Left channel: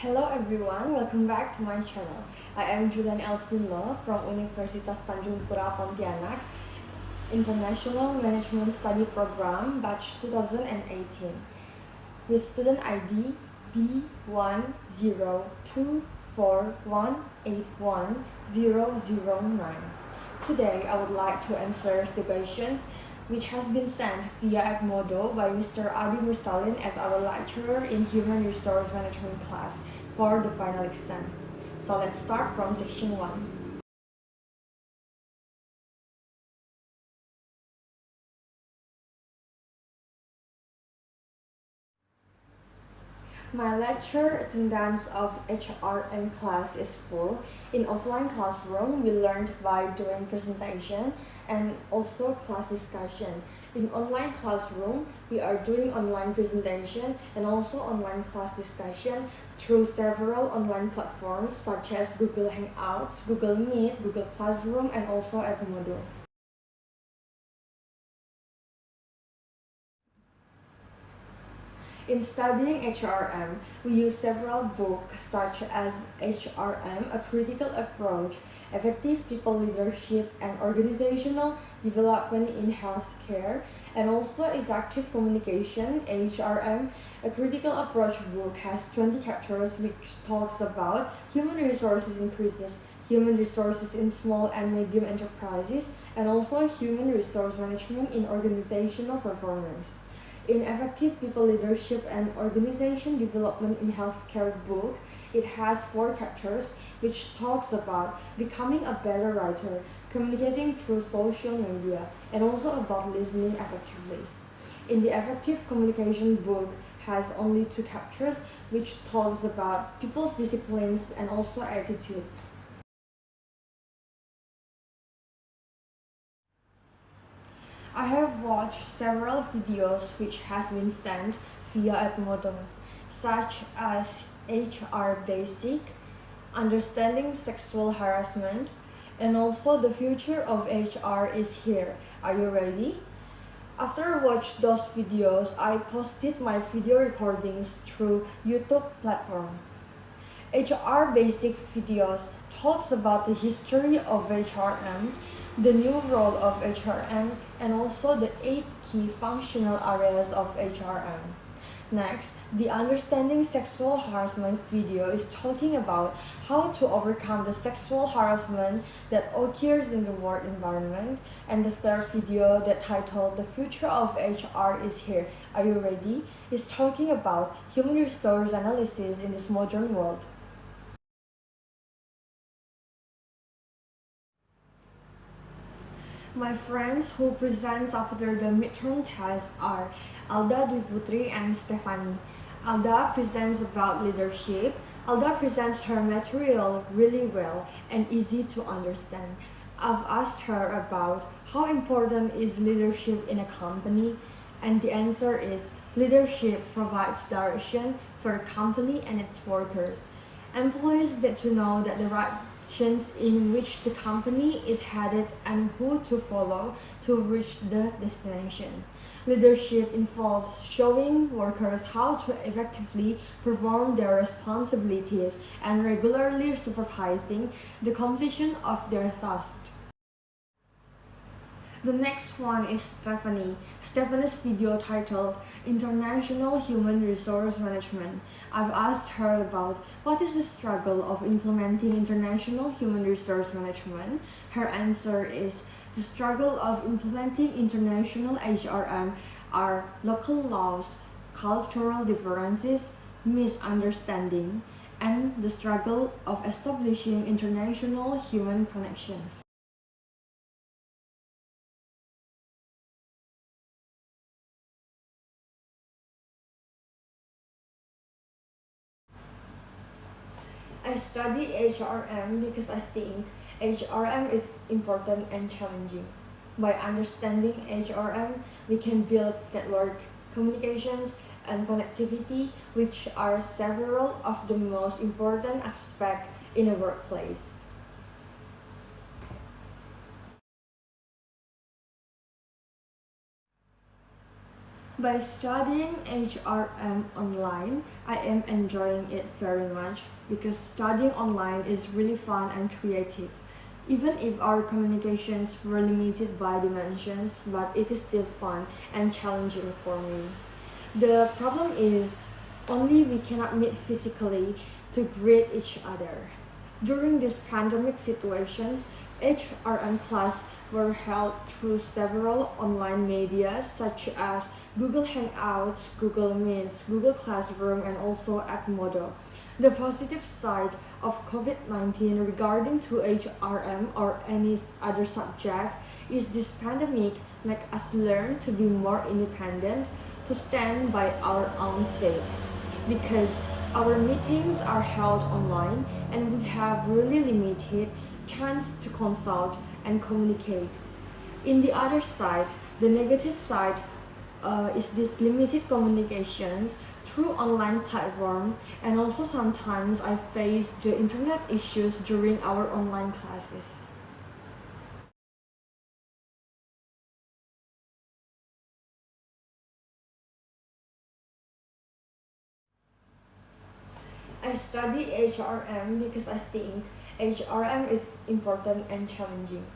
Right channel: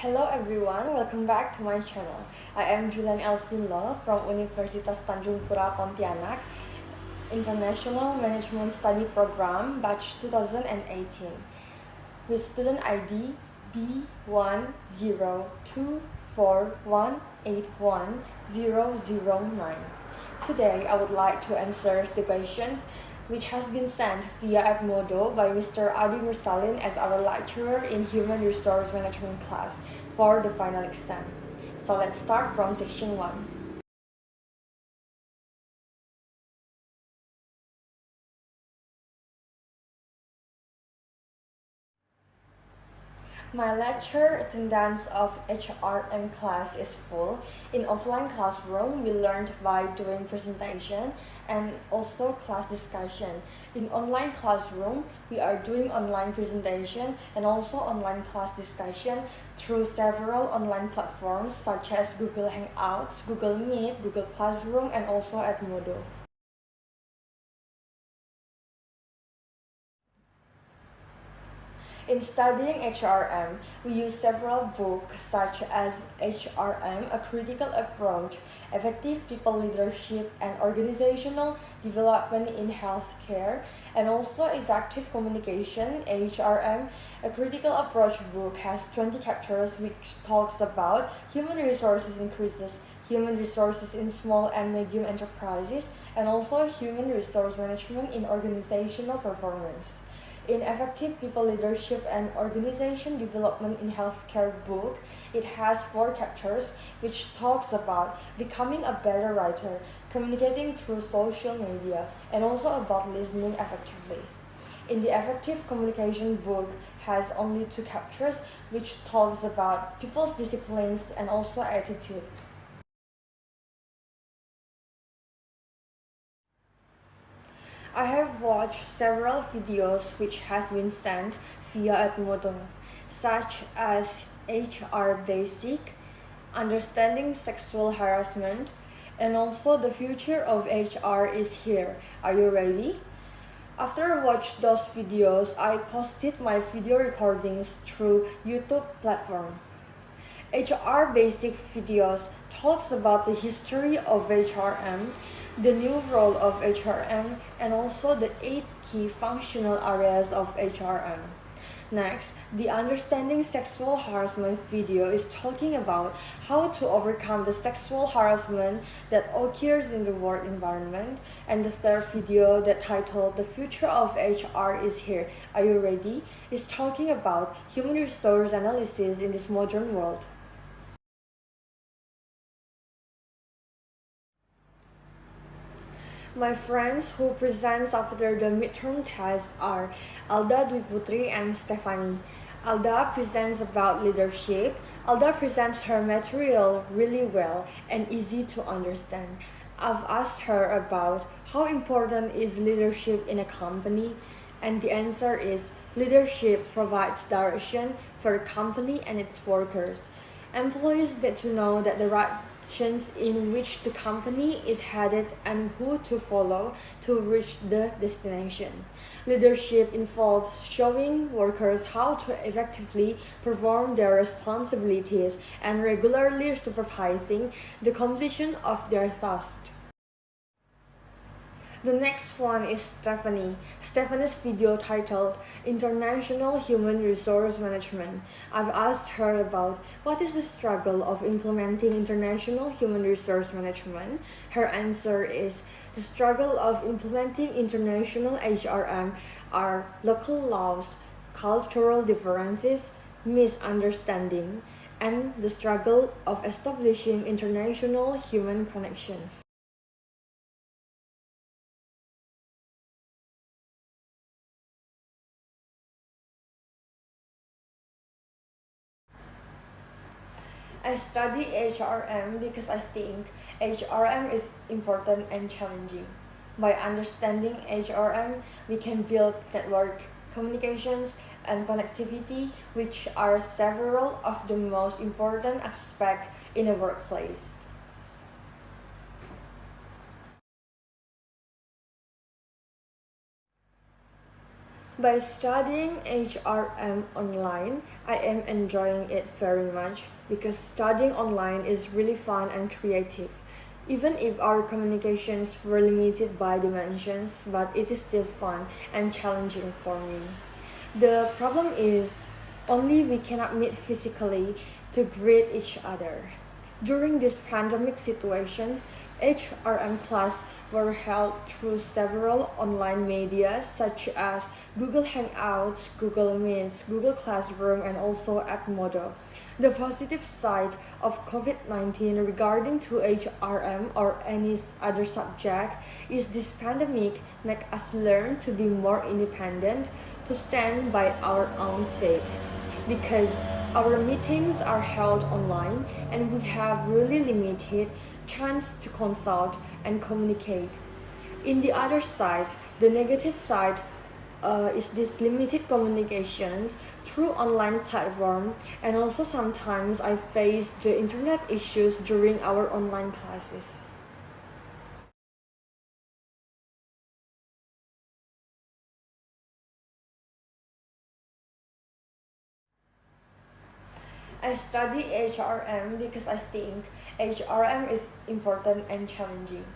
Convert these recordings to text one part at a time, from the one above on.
Hello everyone, welcome back to my channel. I am Julian El Sin Lo from Universitas Tanjung Pura Pontianak, International Management Study Program, batch 2018, with student ID B1024181009. Today, I would like to answer the questions which has been sent via Edmodo by Mr. Adi Mursalin as our lecturer in Human Resource Management class for the final exam. So let's start from section 1. My lecture attendance of HRM class is full. In offline classroom, we learned by doing presentation and also class discussion. In online classroom, we are doing online presentation and also online class discussion through several online platforms such as Google Hangouts, Google Meet, Google Classroom, and also Edmodo. In studying HRM, we use several books such as HRM, A Critical Approach, Effective People Leadership and Organizational Development in Healthcare, and also Effective Communication, HRM, A Critical Approach book has 20 chapters which talks about human resources increases, human resources in small and medium enterprises, and also human resource management in organizational performance. In Effective People Leadership and Organization Development in Healthcare book, it has 4 chapters which talks about becoming a better writer, communicating through social media, and also about listening effectively. In the Effective Communication book has only 2 chapters which talks about people's disciplines and also attitude. I have watched several videos which has been sent via Edmodo, such as HR Basic, Understanding Sexual Harassment, and also The Future of HR is Here. Are you ready? After watching those videos, I posted my video recordings through YouTube platform. HR Basic videos talks about the history of HRM, the new role of HRM, and also the 8 key functional areas of HRM. Next, the Understanding Sexual Harassment video is talking about how to overcome the sexual harassment that occurs in the work environment. And the third video that titled The Future of HR is Here. Are you ready? Is talking about human resource analysis in this modern world. My friends who presents after the midterm test are Alda Dwi Putri and Stephanie. Alda presents about leadership. Alda presents her material really well and easy to understand. I've asked her about how important is leadership in a company, and the answer is leadership provides direction for the company and its workers. Employees get to know that the right in which the company is headed and who to follow to reach the destination. Leadership involves showing workers how to effectively perform their responsibilities and regularly supervising the completion of their tasks. The next one is Stephanie. Stephanie's video titled International Human Resource Management. I've asked her about what is the struggle of implementing international human resource management. Her answer is the struggle of implementing international HRM are local laws, cultural differences, misunderstanding, and the struggle of establishing international human connections. I study HRM because I think HRM is important and challenging. By understanding HRM, we can build network, communications, and connectivity, which are several of the most important aspects in a workplace. By studying HRM online, I am enjoying it very much because studying online is really fun and creative. Even if our communications were limited by dimensions, but it is still fun and challenging for me. The problem is only we cannot meet physically to greet each other. During these pandemic situations, HRM class were held through several online media such as Google Hangouts, Google Meets, Google Classroom, and also Edmodo. The positive side of COVID-19 regarding to HRM or any other subject is this pandemic make us learn to be more independent, to stand by our own feet, because our meetings are held online and we have really limited chance to consult and communicate. In the other side, the negative side is this limited communications through online platform, and also sometimes I face the internet issues during our online classes. I study HRM because I think HRM is important and challenging.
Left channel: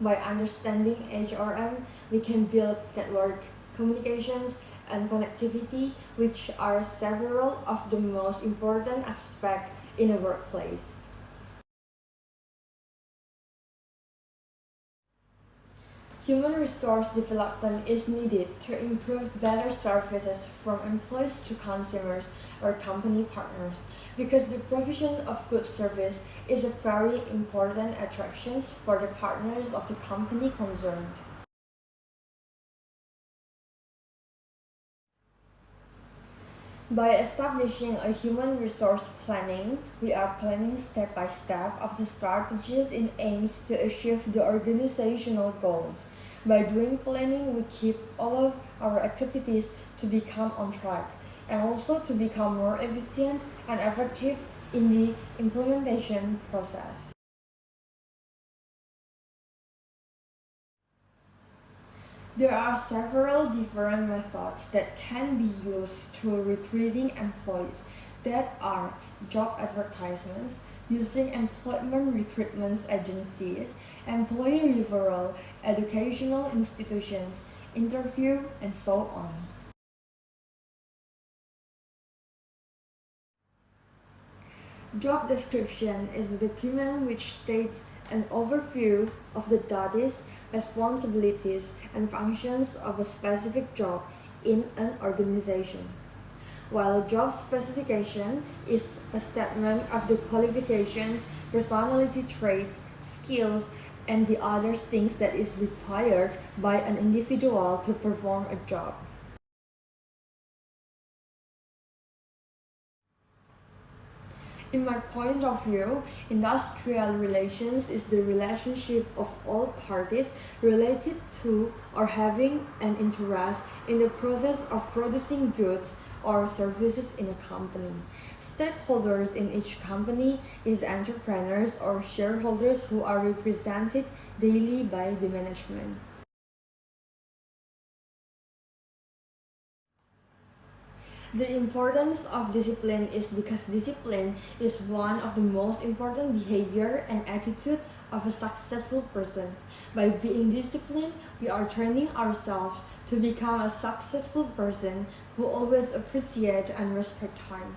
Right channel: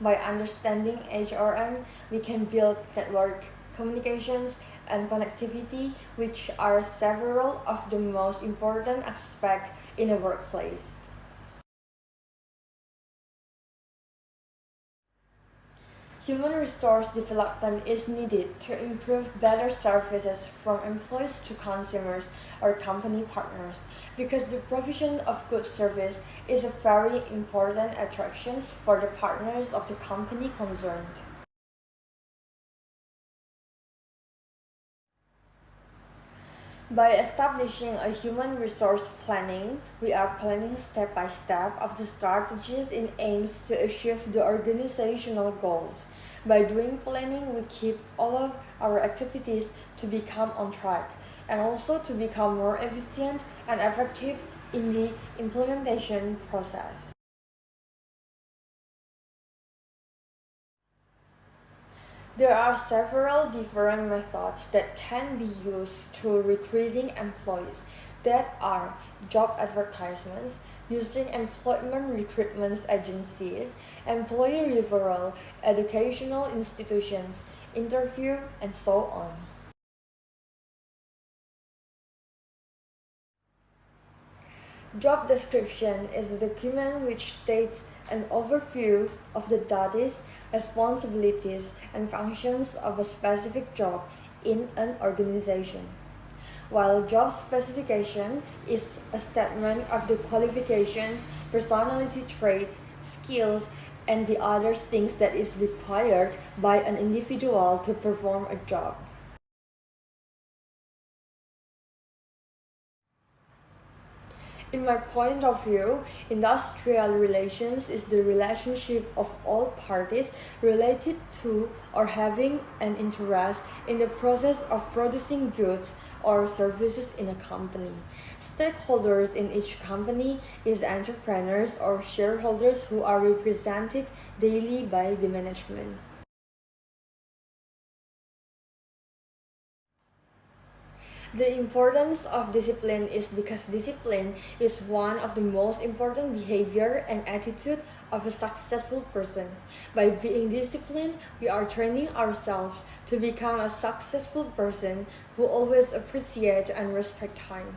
By understanding HRM, we can build network communications and connectivity, which are several of the most important aspects in a workplace. Human resource development is needed to improve better services from employees to consumers or company partners, because the provision of good service is a very important attraction for the partners of the company concerned. By establishing a human resource planning, we are planning step by step of the strategies in aims to achieve the organizational goals. By doing planning, we keep all of our activities to become on track and also to become more efficient and effective in the implementation process. There are several different methods that can be used to recruiting employees, that are job advertisements, using employment recruitment agencies, employee referral, educational institutions, interview, and so on. Job description is a document which states an overview of the duties, responsibilities, and functions of a specific job in an organization, while job specification is a statement of the qualifications, personality traits, skills, and the other things that is required by an individual to perform a job. In my point of view, industrial relations is the relationship of all parties related to or having an interest in the process of producing goods or services in a company. Stakeholders in each company is entrepreneurs or shareholders who are represented daily by the management. The importance of discipline is because discipline is one of the most important behavior and attitude of a successful person. By being disciplined, we are training ourselves to become a successful person who always appreciate and respect time.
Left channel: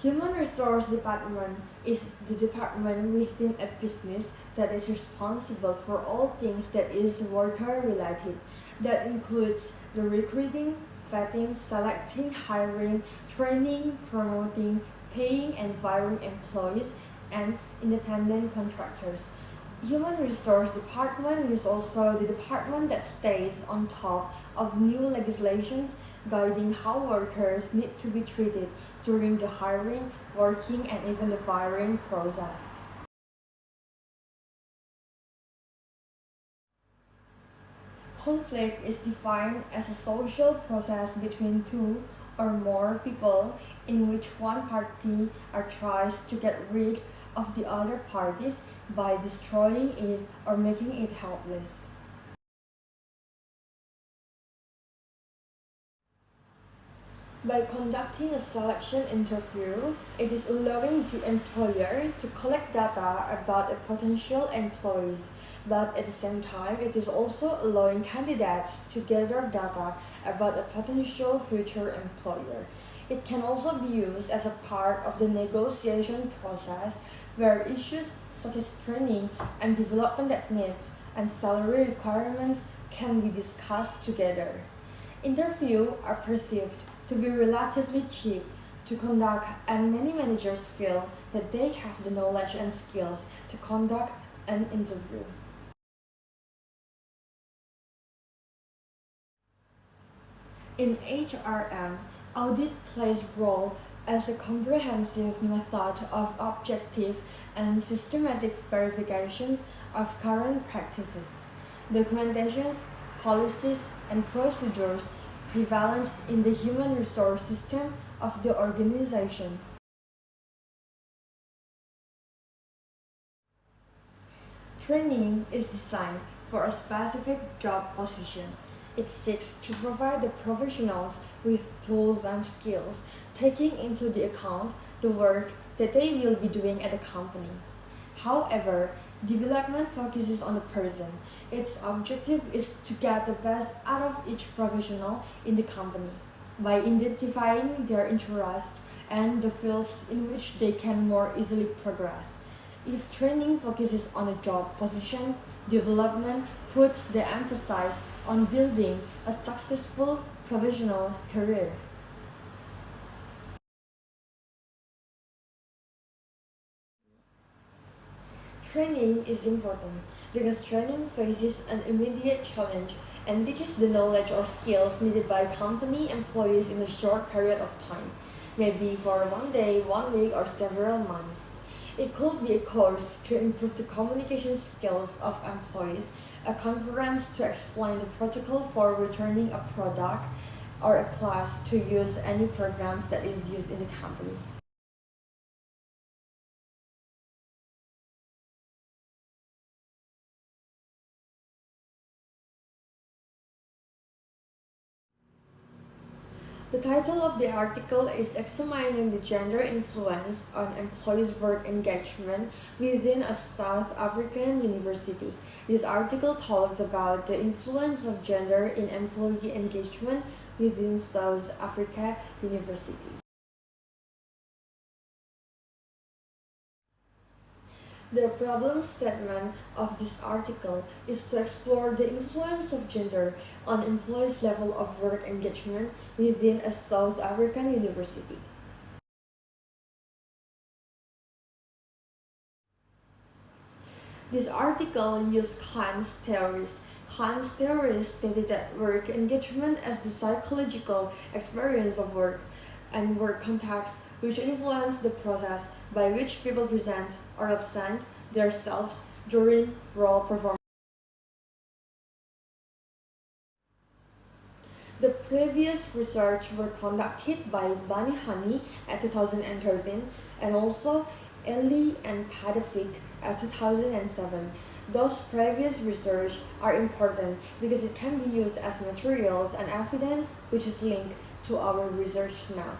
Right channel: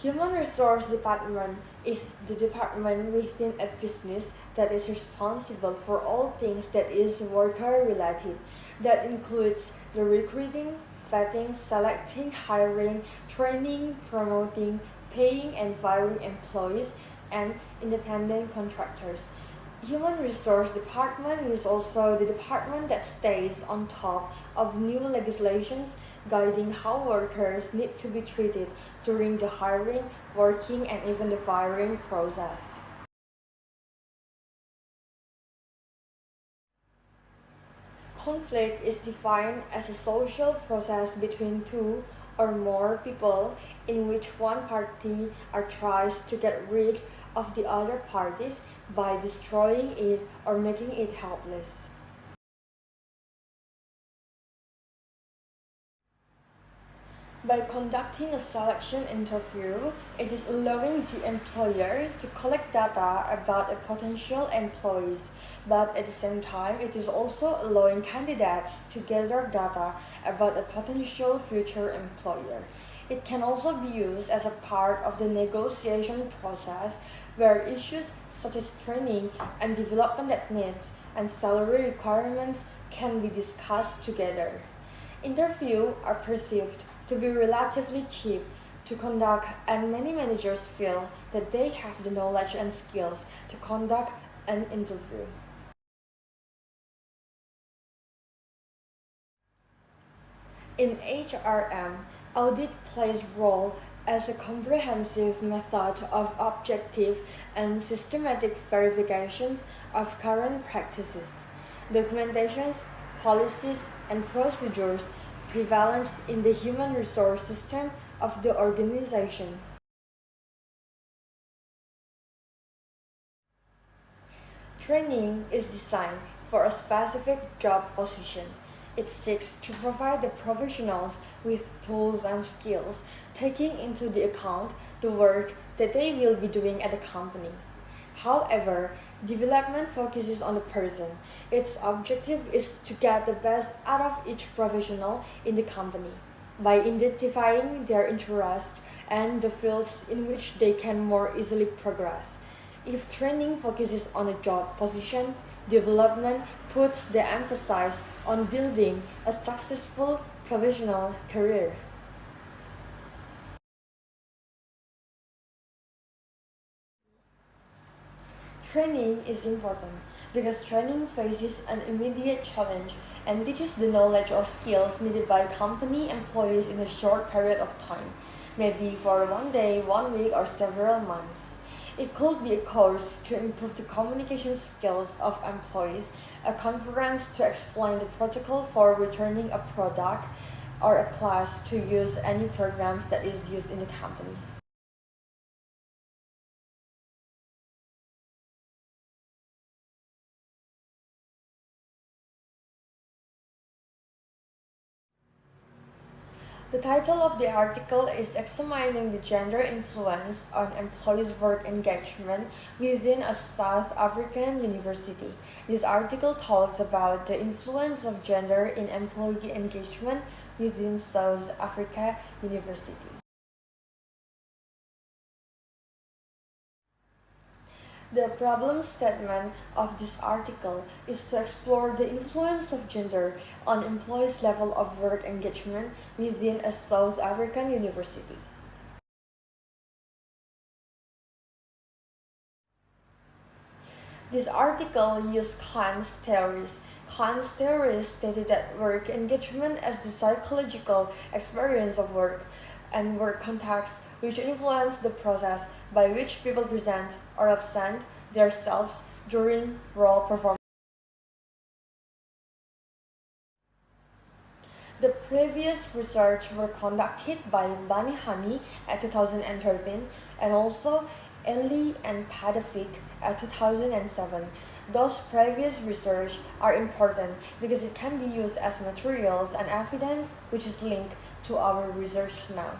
Human Resource Department is the department within a business that is responsible for all things that is worker related. That includes the recruiting, vetting, selecting, hiring, training, promoting, paying and firing employees, and independent contractors. Human Resource Department is also the department that stays on top of new legislations guiding how workers need to be treated during the hiring, working, and even the firing process. Conflict is defined as a social process between two or more people in which one party tries to get rid of the other parties by destroying it or making it helpless. By conducting a selection interview, it is allowing the employer to collect data about a potential employees, but at the same time, it is also allowing candidates to gather data about a potential future employer. It can also be used as a part of the negotiation process where issues such as training and development techniques and salary requirements can be discussed together. Interviews are perceived to be relatively cheap to conduct, and many managers feel that they have the knowledge and skills to conduct an interview. In HRM, audit plays a role as a comprehensive method of objective and systematic verifications of current practices, documentations, policies, and procedures prevalent in the human resource system of the organization. Training is designed for a specific job position. It seeks to provide the professionals with tools and skills, taking into the account the work that they will be doing at the company. However, development focuses on the person. Its objective is to get the best out of each professional in the company by identifying their interests and the fields in which they can more easily progress. If training focuses on a job position, development puts the emphasis on building a successful professional career. Training is important because training faces an immediate challenge and teaches the knowledge or skills needed by company employees in a short period of time, maybe for one day, 1 week, or several months. It could be a course to improve the communication skills of employees, a conference to explain the protocol for returning a product, or a class to use any programs that is used in the company. The title of the article is Examining the Gender Influence on Employees' Work Engagement within a South African University. This article talks about the influence of gender in employee engagement within South Africa University. The problem statement of this article is to explore the influence of gender on employees' level of work engagement within a South African university. This article used Kant's theories. Kant's theories stated that work engagement as the psychological experience of work and work context which influence the process by which people present or absent themselves during role performance. The previous research were conducted by Bani Hani at 2013 and also Eli and Padafik at 2007. Those previous research are important because it can be used as materials and evidence which is linked to our research now.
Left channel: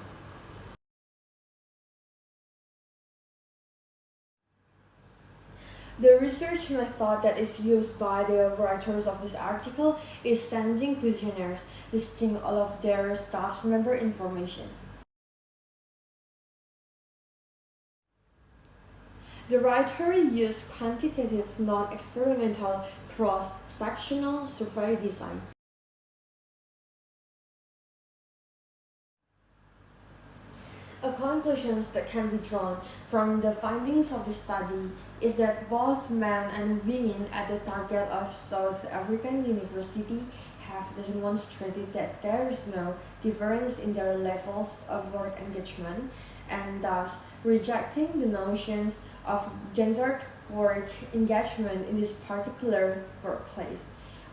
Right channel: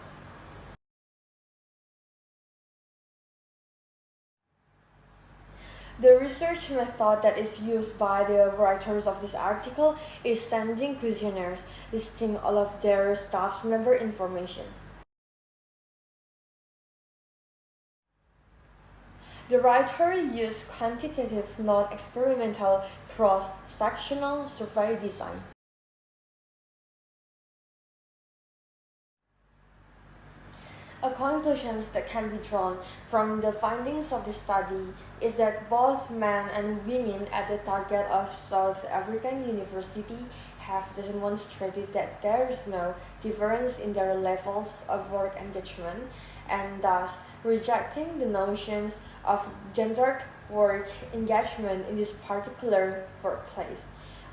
The research method that is used by the writers of this article is sending questionnaires listing all of their staff member information. The writer used quantitative, non-experimental, cross-sectional survey design. A conclusion that can be drawn from the findings of the study is that both men and women at the target of South African University have demonstrated that there is no difference in their levels of work engagement, and thus rejecting the notions of gendered work engagement in this particular workplace.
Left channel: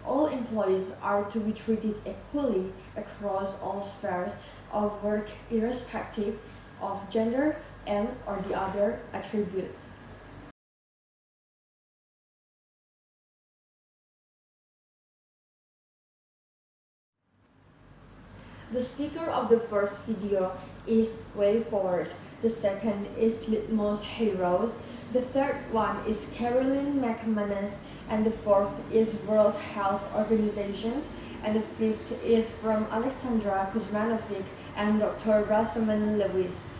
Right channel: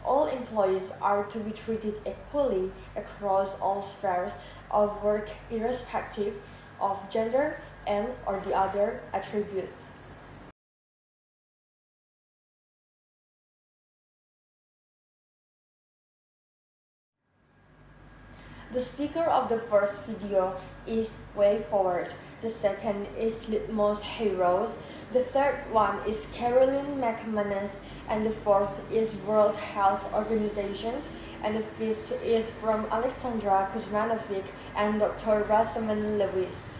All employees are to be treated equally across all spheres of work irrespective of gender and or the other attributes. The speaker of the first video is Way Forward. The second is Litmus Heroes. The third one is Carolyn McManus, and the fourth is World Health Organization, and the fifth is from Alexandra Kuzmanovic and Dr. Rasaman Lewis.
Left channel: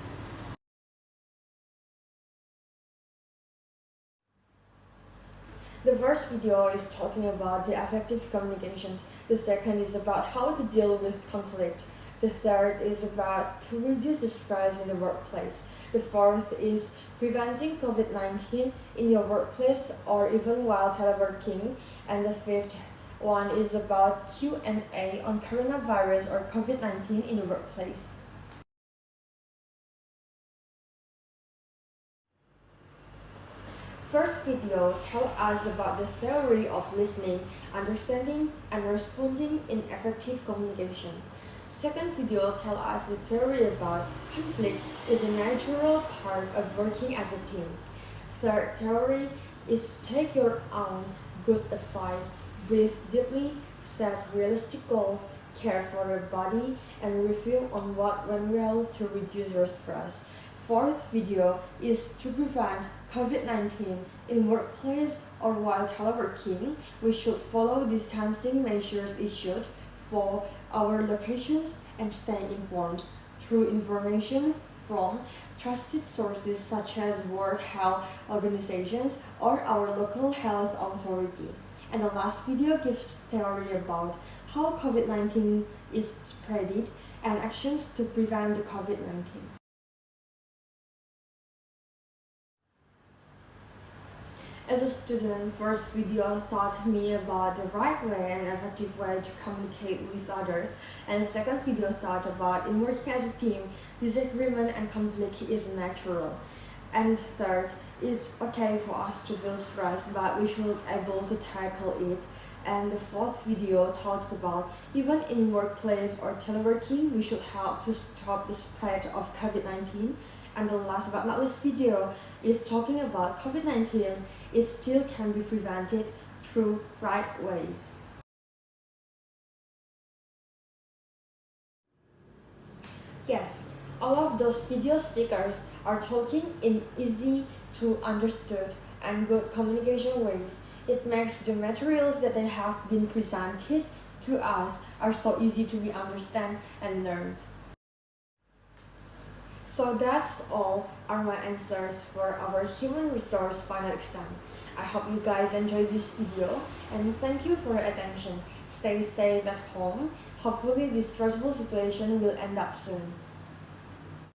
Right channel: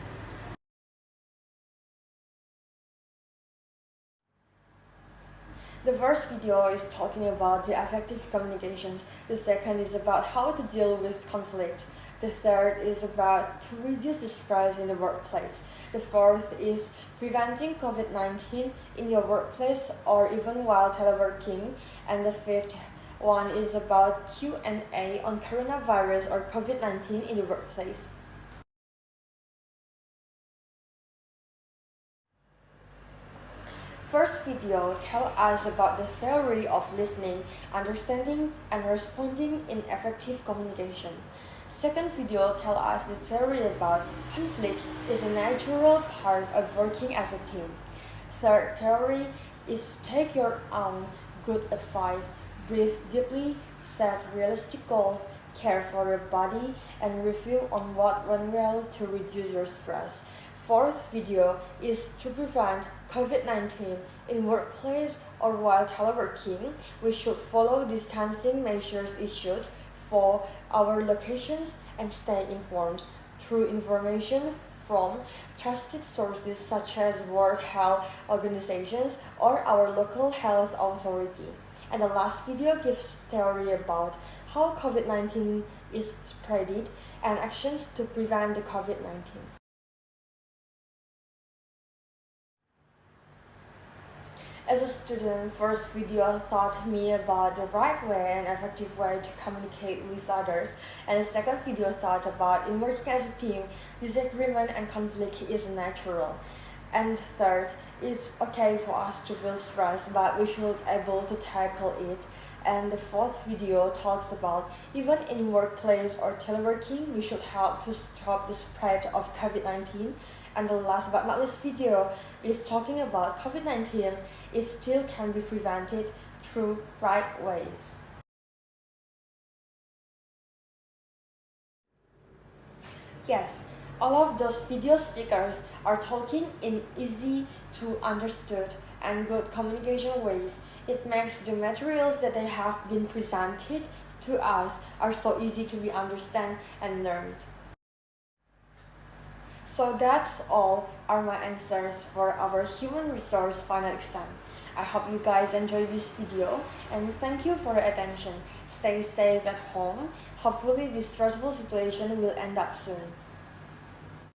The first video is talking about the effective communications. The second is about how to deal with conflict. The third is about to reduce the stress in the workplace. The fourth is preventing COVID-19 in your workplace or even while teleworking. And the fifth one is about Q&A on coronavirus or COVID-19 in the workplace. First video tells us about the theory of listening, understanding, and responding in effective communication. Second video tells us the theory about conflict is a natural part of working as a team. Third theory is take your own good advice, breathe deeply, set realistic goals, care for your body, and review on what went well to reduce your stress. Fourth video is to prevent COVID-19 in workplace or while teleworking. We should follow distancing measures issued for our locations and stay informed through information from trusted sources such as World Health Organizations or our local health authority. And the last video gives theory about how COVID-19 is spreaded and actions to prevent the COVID-19. As a student, first video taught me about the right way and effective way to communicate with others, and the second video taught about in working as a team, disagreement and conflict is natural. And third, it's okay for us to feel stressed, but we should be able to tackle it. And the fourth video talks about even in workplace or teleworking, we should help to stop the spread of COVID-19. And the last but not least video is talking about COVID-19. It still can be prevented through right ways. Yes, all of those video stickers are talking in easy to understood and good communication ways. It makes the materials that they have been presented to us are so easy to be understand and learned. So that's all are my answers for our human resource final exam. I hope you guys enjoyed this video and thank you for your attention. Stay safe at home. Hopefully this stressful situation will end up soon.